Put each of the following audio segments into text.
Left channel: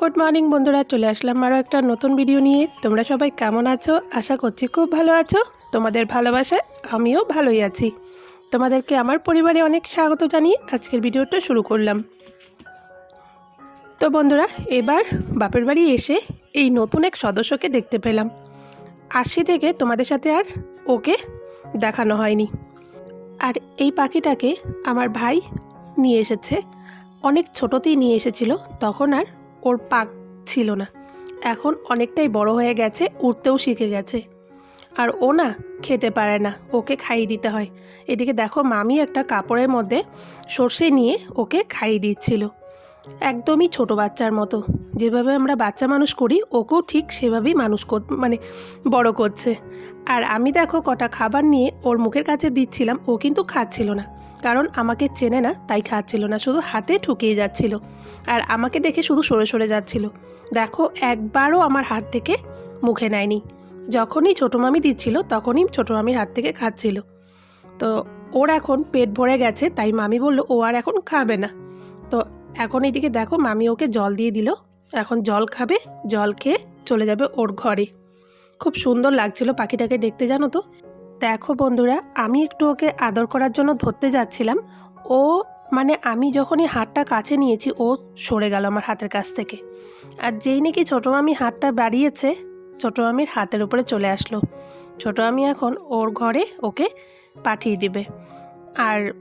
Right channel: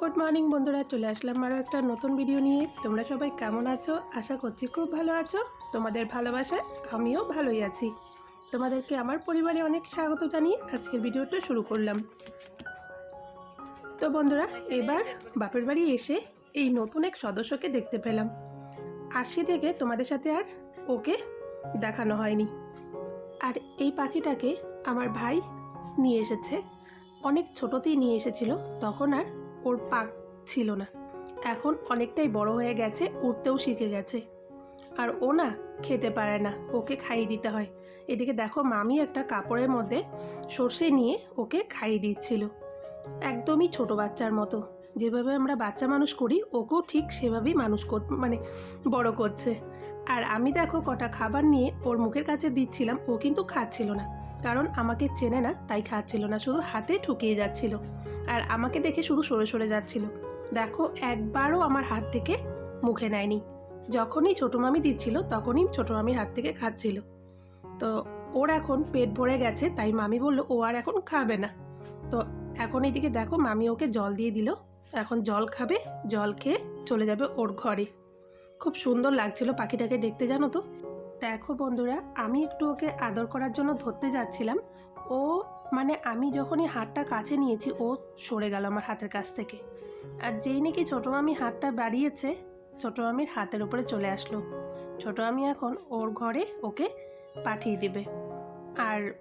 Good morning বন্ধুরা, চলে আসলাম আরও একটা নতুন ভিডিও নিয়ে। তোমরা সবাই কেমন আছো? আশা করছি খুব ভালো আছো। তোমাদের ভালোবাসায় আমিও ভালোই আছি। তোমাদেরকে আমার পরিবারে অনেক স্বাগত জানিয়ে আজকের ভিডিওটা শুরু করলাম। তো বন্ধুরা, এবার বাপের বাড়ি এসে এই নতুন এক সদস্যকে দেখতে পেলাম। আসি থেকে তোমাদের সাথে আর ওকে দেখানো হয়নি। আর এই পাখিটাকে আমার ভাই নিয়ে এসেছে। অনেক ছোটোতেই নিয়ে এসেছিল, তখন আর ওর পাক ছিল না। এখন অনেকটাই বড় হয়ে গেছে, উঠতেও শিখে গেছে। আর ও না খেতে পারে না, ওকে খাইয়ে দিতে হয়। এদিকে দেখো মামি একটা কাপড়ের মধ্যে সর্ষে নিয়ে ওকে খাইয়ে দিচ্ছিল। একদমই ছোট বাচ্চার মতো। যেভাবে আমরা বাচ্চা মানুষ করি, ওকেও ঠিক সেভাবেই মানুষ মানে বড় করছে। আর আমি দেখো কটা খাবার নিয়ে ওর মুখের কাছে দিচ্ছিলাম, ও কিন্তু খাচ্ছিল না। কারণ আমাকে চেনে না, তাই খাচ্ছিল না, শুধু হাতে ঠুকিয়ে যাচ্ছিল আর আমাকে দেখে শুধু সরে সরে যাচ্ছিল। দেখো, একবারও আমার হাত থেকে মুখে নেয়নি। যখনই ছোটো মামি দিচ্ছিল, তখনই ছোটো মামির হাত থেকে খাচ্ছিল। তো ওর এখন পেট ভরে গেছে, তাই মামি বলল, ও আর এখন খাবে না। তো এখন এইদিকে দেখো, মামি ওকে জল দিয়ে দিল। এখন জল খাবে, জল খেয়ে চলে যাবে ওর ঘরে। খুব সুন্দর লাগছিল পাখিটাকে দেখতে, জানো তো? দেখো বন্ধুরা, আমি একটু ওকে আদর করার জন্য ধরতে যাচ্ছিলাম। ও মানে আমি যখনই হাতটা কাছে নিয়েছি, ও সরে গেল আমার হাতের কাছ থেকে। আর যেই নাকি ছোটো মামি হাতটা বাড়িয়েছে, ছোটো মামির হাতের উপরে চলে আসলো। ছোটো মামি এখন ওর ঘরে ওকে পাঠিয়ে দিবে। আর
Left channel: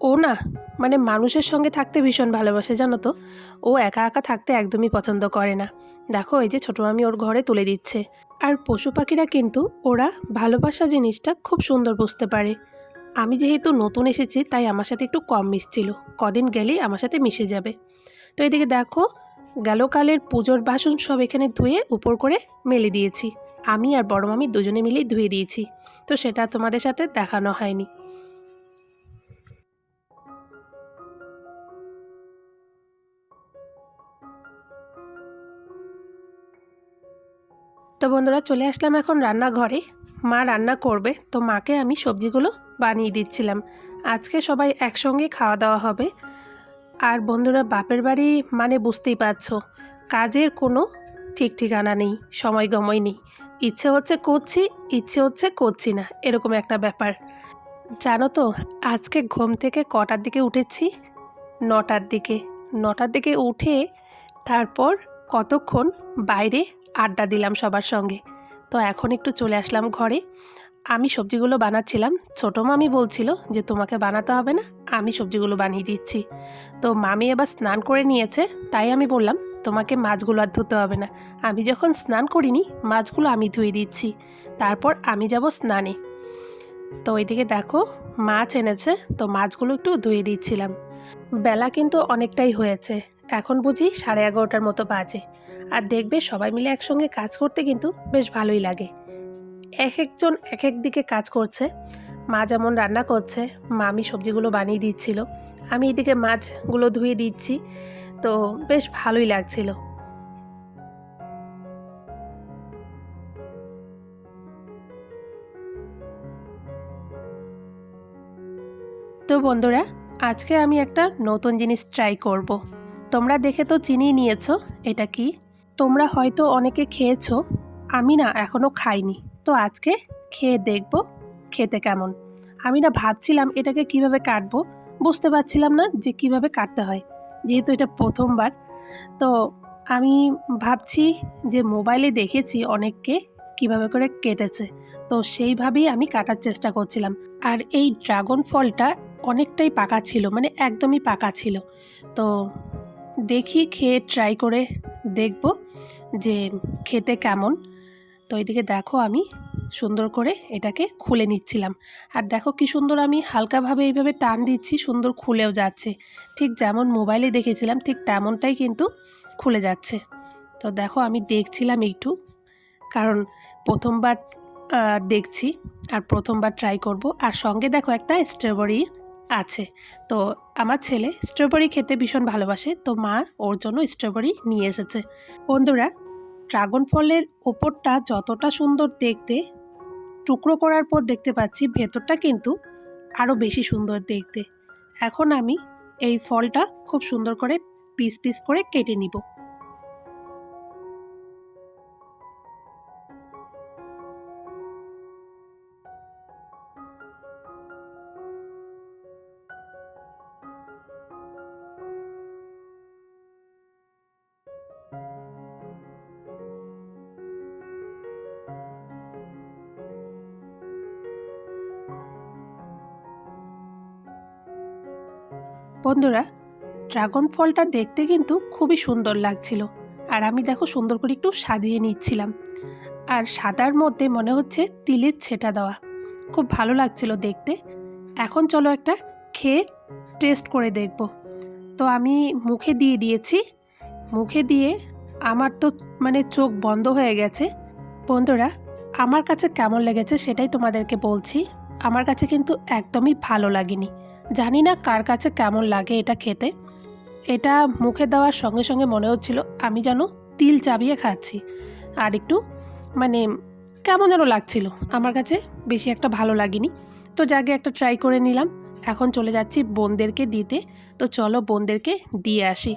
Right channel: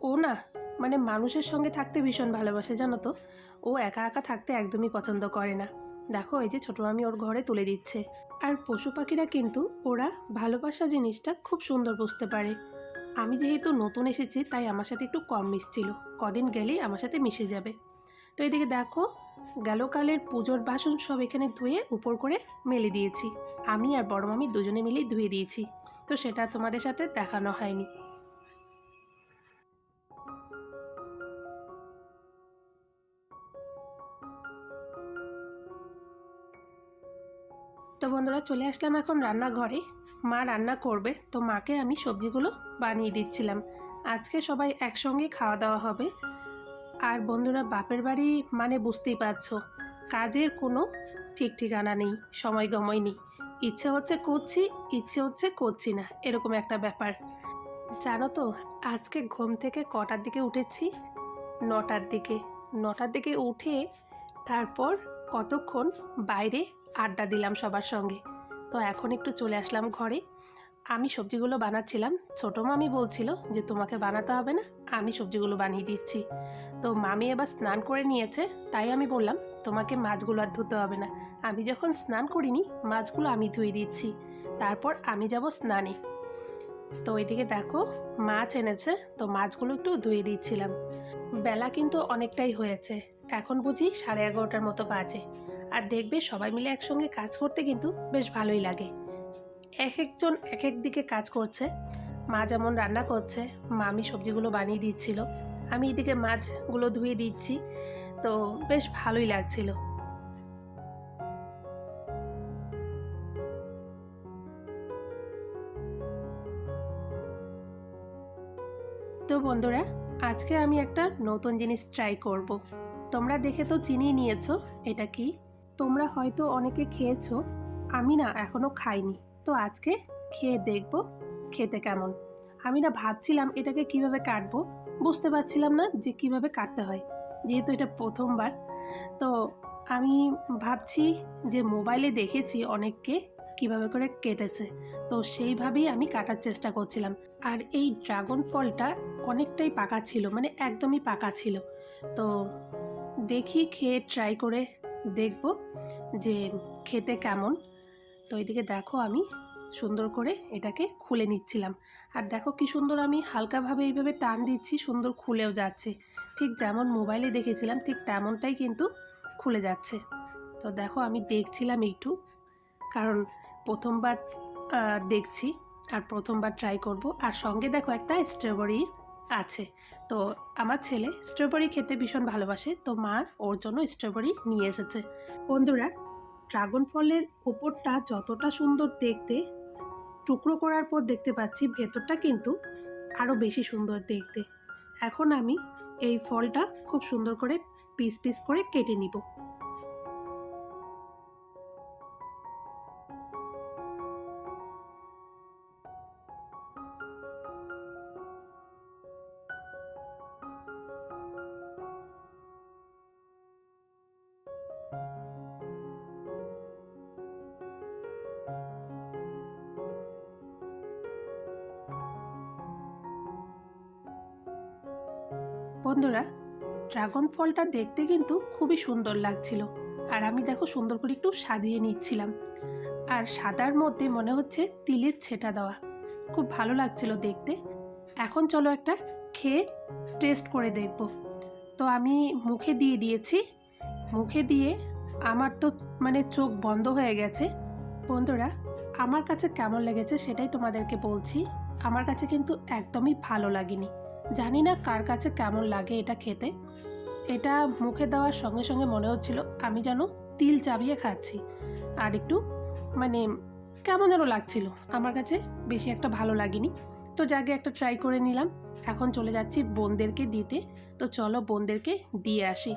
ও না মানে মানুষের সঙ্গে থাকতে ভীষণ ভালোবাসে, জানো তো? ও একা একা থাকতে একদমই পছন্দ করে না। দেখো, এই যে ছোটো মামি ওর ঘরে তুলে দিচ্ছে। আর পশু পাখিরা কিন্তু ওরা ভালোবাসা জিনিসটা খুব সুন্দর বুঝতে পারে। আমি যেহেতু নতুন এসেছি, তাই আমার সাথে একটু কম মিশছিল। কদিন গেলেই আমার সাথে মিশে যাবে। তো এদিকে দেখো, গেলকালের পুজোর বাসন সব এখানে ধুয়ে উপর করে মেলে দিয়েছি। আমি আর বড় মামি দুজনে মিলেই ধুয়ে দিয়েছি। তো সেটা তোমাদের সাথে দেখানো হয়নি। তো বন্ধুরা চলে আসলাম এখন রান্নাঘরে। মা রান্না করবে, তো মাকে আমি সবজিগুলো বানিয়ে দিচ্ছিলাম। আজকে সবাই একসঙ্গে খাওয়া দাওয়া হবে। আর বন্ধুরা বাপের বাড়ি মানে বুঝতেই পারছ, কাজের কোনো ঠিক ঠিকানা নেই, সময় গময় নেই। ইচ্ছে হচ্ছে করছি, ইচ্ছে হচ্ছে করছি না, এরকম একটা ব্যাপার। জানো তো, আজকে ঘুম থেকে কটার দিকে উঠেছি? নটার দিকে। নটার দিকে উঠে তারপর কতক্ষণ বাইরে আড্ডা দিলাম সবার সঙ্গে। তো এখন একটু চলে আসলাম ঘরে। আমি সবজিগুলো বানাচ্ছিলাম। ছোটো মামি বলছিল যে, তোমাকে বানাতে হবে না, আমি সবজিগুলো বানিয়ে দিচ্ছি। তো মামি এবার স্নান করে নিয়েছে, তাই আমি বললাম, তোমাকে মাছগুলো আর ধুতে হবে না। আমি যখন স্নান করিনি, মাছগুলো আমি ধুয়ে দিচ্ছি। তারপর আমি যাব স্নানে। তো ওইদিকে দেখো, মাছ এনেছে, তো মাছগুলো একটু ধুয়ে দিচ্ছিলাম। বেলা কিন্তু অনেকটাই হয়েছে। এখন বুঝি সাড়ে এগারোটার মতো বাজে। আর দেখবে সবাই মিলে একসঙ্গে কাজ করতে কিন্তু বেশ ভালোই লাগে। এক একজন এক এক দিকে কাজ করছে। মা যেমন রান্না করছে, মামি সবজিগুলো বানিয়ে দিচ্ছিল। আমি এদিকে মাছগুলো ধুয়ে দিচ্ছি, তো বেশ ভালোই লাগছিল। তো বন্ধুরা, আজকে আমি একটা নতুন জিনিস ট্রাই করব। তোমরা দেখে তো চিনিয়ে নিয়েছো, এটা কি? তোমরা হয়তো অনেকে খেয়েছো, আমি না এখনও খাইনি। তো আজকে খেয়ে দেখব খেতে কেমন। আমি না ভাবছিলাম এটাকে কীভাবে কাটবো, বুঝতে পারছিলাম না যে কীভাবে কাটতে হয়, যেহেতু এটা প্রথমবার। তো আমি ভাবছি যে মোবাইলে দেখেছি অনেককে কীভাবে করে কেটেছে, তো সেইভাবেই আমি কাটার চেষ্টা করছিলাম। আর এই ড্রাগন ফলটা অনেকটাই পাকা ছিল মানে একদমই পাকা ছিল। তো দেখি, খেয়ে ট্রাই করে দেখব যে খেতে কেমন। তো এদিকে দেখো আমি সুন্দর করে এটাকে খুলে নিচ্ছিলাম। আর দেখো কি সুন্দর আমি হালকাভাবে এইভাবে টান দিচ্ছি, সুন্দর খুলেও যাচ্ছে। ঠিক যেমন মোবাইলে দেখেছিলাম, ঠিক তেমনটাই কিন্তু খুলে যাচ্ছে। তো দেখো আমি দেখছিলাম একটু, কারণ প্রথমবার দেখছি আর প্রথমবার ট্রাই করব। আর সঙ্গে দেখো একটা স্ট্রবেরি আছে। তো আমার ছেলে স্ট্রবেরি খেতে ভীষণ ভালোবাসে। তো মা ওর জন্য স্ট্রবেরি নিয়ে এসেছে। বন্ধুরা ড্রাগন ফলের ওপরটা যতটা সুন্দর দেখতে, টুকরো করার পর দেখতে পাচ্ছি ভেতরটা কিন্তু আরও বেশি সুন্দর দেখতে। এখন আমি এই ফলটা খুব সুন্দর করে পিস পিস করে কেটে নিব। বন্ধুরা, ড্রাগন ফলটা দেখতে কিন্তু খুবই সুন্দর লাগছিল। আর আমি দেখো সুন্দর করে একটু সাজিয়ে নিচ্ছিলাম। আর সাদার মধ্যে মনে হচ্ছে তিলের ছেটা দেওয়া। খুব ভালো লাগছিল দেখতে। এখন চলো একটা খেয়ে টেস্ট করে দেখব। তো আমি মুখে দিয়ে দিয়েছি। মুখে দিয়ে আমার তো মানে চোখ বন্ধ হয়ে গেছে। বন্ধুরা, আমার কাছে কেমন লেগেছে সেটাই তোমাদেরকে বলছি। আমার কাছে কিন্তু একদমই ভালো লাগেনি। জানি না কার কাছে কেমন লাগে এটা খেতে। এটা মুখে দেওয়ার সঙ্গে সঙ্গে মনে হচ্ছিল আমি যেন তিল চাবিয়ে খাচ্ছি। আর একটু মানে কেমন যেন লাগছিল। আমার কাছে বেশি একটা ভালো লাগেনি। তো যাকে একটা ট্রাই করে নিলাম। এখন চলে যাচ্ছি বোনদেরকে দিতে। তো চলো বোনদেরকে দিয়ে আসি।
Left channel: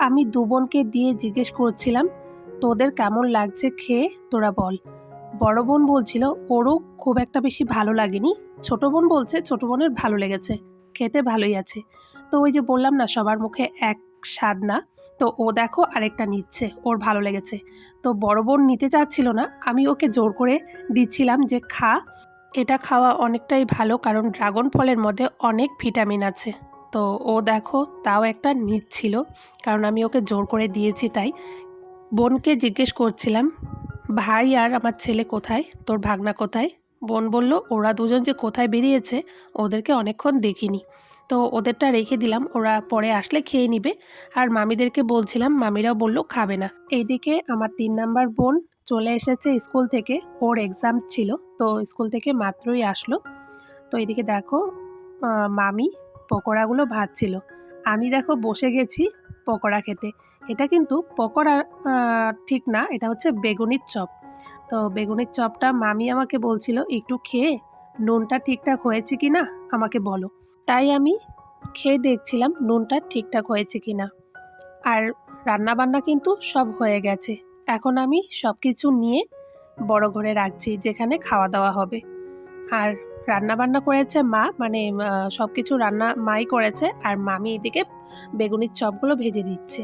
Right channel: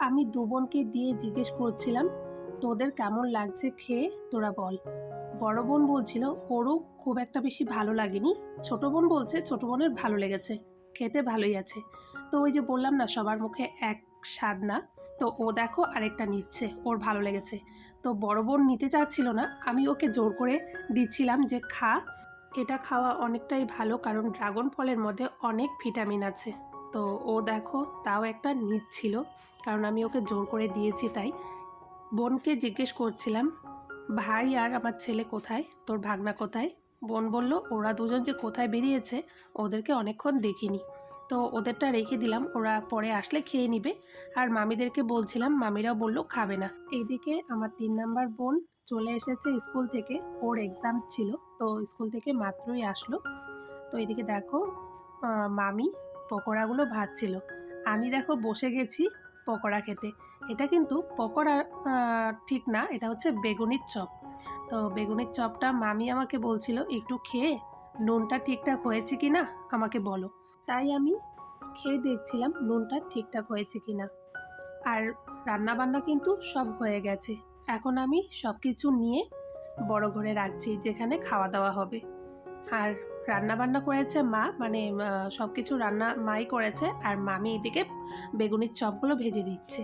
আমি দু বোনকে দিয়ে জিজ্ঞেস করছিলাম, তোদের কেমন লাগছে খেয়ে? তোরা বল। বড় বোন বলছিল, ওরও খুব একটা বেশি ভালো লাগেনি। ছোট বোন বলছে, ছোট বোনের ভালো লেগেছে, খেতে ভালোই আছে। তো ওই যে বললাম না, সবার মুখে এক স্বাদ না, তো ও দেখো আরেকটা নিচ্ছে, ওর ভালো লেগেছে। তো বড় বোন নিতে চাচ্ছিল না, আমি ওকে জোর করে দিচ্ছিলাম যে, খা। এটা খাওয়া অনেকটাই ভালো, কারণ ড্রাগন ফলের মধ্যে অনেক ভিটামিন আছে। তো ও দেখো তাও একটা নিচ্ছিল কারণ আমি ওকে জোর করে দিয়েছি তাই। বোনকে জিজ্ঞেস করছিলাম, ভাই আর আমার ছেলে কোথায়? তোর ভাগনা কোথায়? বোন বলল, ওরা দুজন যে কোথায় বেরিয়েছে, ওদেরকে অনেকক্ষণ দেখিনি। তো ওদেরটা রেখে দিলাম, ওরা পরে আসলে খেয়ে নিবে। আর মামিদেরকে বলছিলাম, মামিরাও বলল, খাবে না। এইদিকে আমার তিন নাম্বার বোন চলে এসেছে স্কুল থেকে, ওর এক্সাম ছিল, তো স্কুল থেকে মাত্রই আসলো। তো এইদিকে দেখো মামি পকোড়াগুলো ভাজছিল। আমি দেখো বসে গেছি পকোড়া খেতে। এটা কিন্তু পকোড়া ঠিক না, এটা হচ্ছে বেগুনির চপ। তো বেগুনির চপটা মামি আমাকে বলছিল, একটু খেয়ে নুনটা ঠিকঠাক হয়েছে কি না? আমাকে বলো। তাই আমি খেয়ে দেখছিলাম নুনটা ঠিকঠাক হয়েছে কি না। আর রান্না বান্না কিন্তু সব হয়ে গেছে। এখন আমি সব কিছু নিয়ে বড় ঘরে রাখছি, যেখানে খাওয়া দাওয়া হবে। আর রান্না বান্না করেছে মা মানে সব কিছু রান্না মাই করেছে, আর মামি এদিকে বেগুনির চপগুলো ভেজে দিচ্ছে।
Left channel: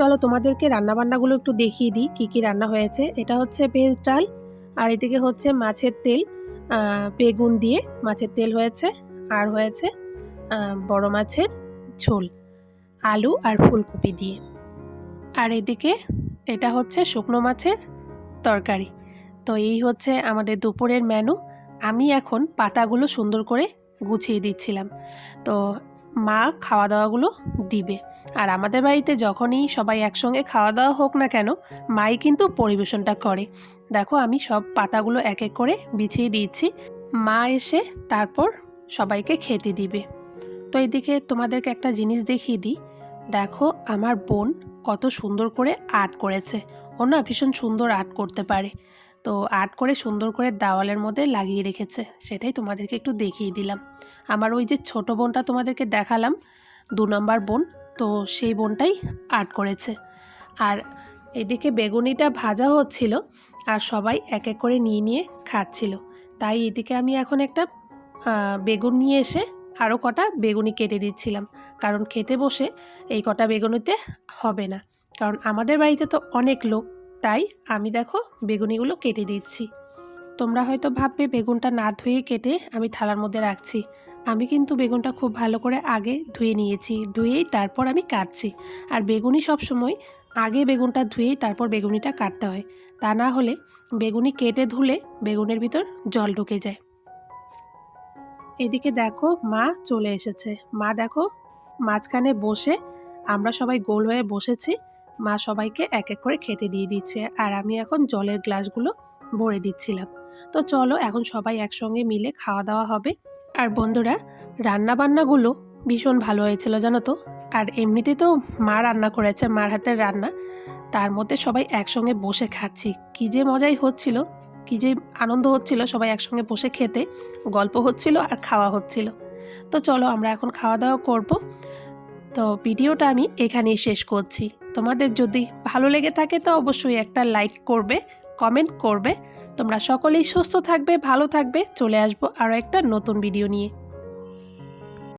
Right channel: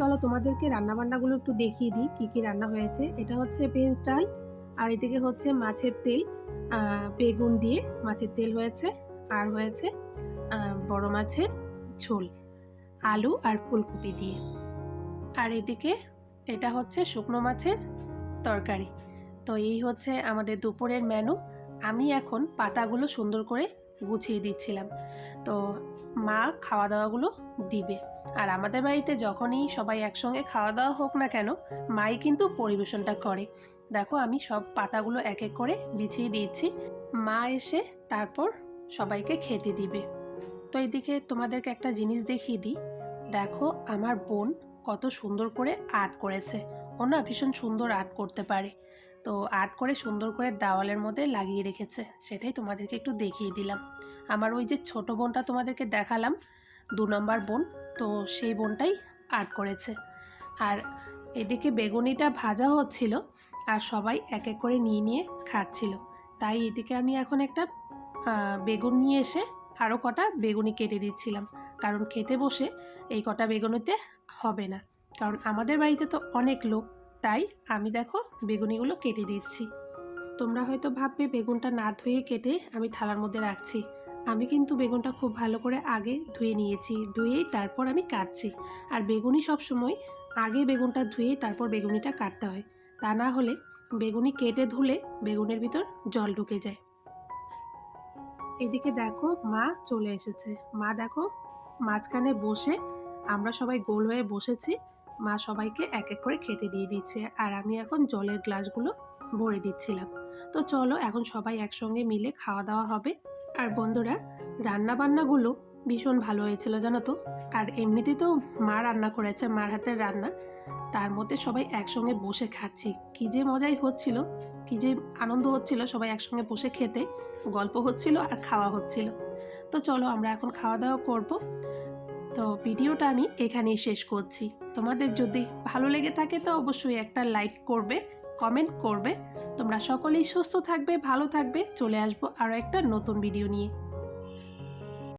চলো তোমাদেরকে রান্নাবান্নাগুলো একটু দেখিয়ে দিই, কী কী রান্না হয়েছে। এটা হচ্ছে ভেজ ডাল, আর এদিকে হচ্ছে মাছের তেল বেগুন দিয়ে মাছের তেল হয়েছে, আর হয়েছে বড় মাছের ঝোল, আলু আর ফুলকপি দিয়ে। আর এদিকে এটা হচ্ছে শুকনো মাছের তরকারি। তো এই হচ্ছে আমাদের দুপুরের মেনু। আমি এখন পাতাগুলো সুন্দর করে গুছিয়ে দিচ্ছিলাম। তো মা খাওয়া দাওয়াগুলো দিবে। আর আমাদের বাড়িতে যখনই সবাই একসঙ্গে খাওয়া দাওয়া হোক না কেন, মাই কিন্তু পরিবেশনটা করে। দেখো, আমি সব পাতাগুলো এক এক করে বিছিয়ে দিয়েছি। মা এসে তারপর সবাইকে খেতে দিবে। তো এইদিকে তোমাদেরকে একটা জিনিস দেখিয়ে দিই। দেখো, আমার বোন কত সুন্দর করে আর্ট করেছে। ও না ভীষণ সুন্দর আর্ট করতে পারে। তো আর্ট করে সুন্দর করে দেওয়ালের মধ্যে লাগিয়ে রেখেছে। সেটাই তোমাদেরকে একটু দেখিয়ে দিলাম। আমার ওই যে ছোট বোনটা তোমাদেরকে দেখালাম, দু নম্বর বোন তো সেই বোনটাই আর্ট করেছে। আর এদিকে বেগুনিটা ভাজা হচ্ছিল আর সবাই এক এক করে নিয়ে নিয়ে খাচ্ছিল। তাই এদিকে আমি এখন একটা বেগুন নিয়ে এসে আরও কটা বেগুনি কেটে দিচ্ছিলাম। কারণ খেতে বসে এই কটা বেগুনিতে হবে না। কারণ আমাদের বাড়িতে তো অনেক লোক, তাই আমি দেখো বেগুনিগুলো কেটে দিচ্ছি। তোমরা হয়তো ভাববে বেগুনটা না ধুয়ে কেটে আমি থালার মধ্যে রাখছি। আমি কিন্তু বেগুনটা খুব ভালো করে আগে ধুয়ে নিয়েছি, ধুয়েই তারপর আমি কাটছি। আর বেগুনি সব সময় আগে বেগুনটা ধুয়েই তারপর বেগুনিটা কাটতে হয়। তা না হলে বেগুনি কেটে ধুলে বেগুনের ভিতর জল ঢুকে যায়। এদিকে দেখো মা চলে এসেছে। মা দেখো মাঝখানে বসে আমরা সবাই গোল হয়ে বসেছি। মা সবাইকে এক এক করে খেতে দিয়ে দিচ্ছে। আর আমি এখন জলের গ্লাসগুলো ভরে দিচ্ছিলাম। তো চলো এখন সবাই একসঙ্গে মিলে খাওয়া দাওয়া হবে। আর বন্ধুরা রান্না বান্নাগুলো ভীষণ ভালো হয়েছিল, জানো তো? আর এমনিতে তো মা রান্না করেছে, মার হাতের রান্না। তার মধ্যে সবাই একসঙ্গে বসে খাচ্ছি। কী যে মজাই হচ্ছিল, কী যে আনন্দ হচ্ছিল সবাই একসঙ্গে বসে খেতে। গল্প হচ্ছিল আর খাওয়া হচ্ছিল। তো চলো আমরা এখন খাওয়া দাওয়া করব। তো ভিডিওটা আমি এখানেই শেষ করছি। তোমাদের যদি ভালো লেগে থাকে তো অবশ্যই একটা লাইক করবে, কমেন্ট করবে। তোমরা সকলেই সুস্থ থাকবে ভালো থাকবে। চলে আসব আরও একটা নতুন ভিডিও নিয়ে।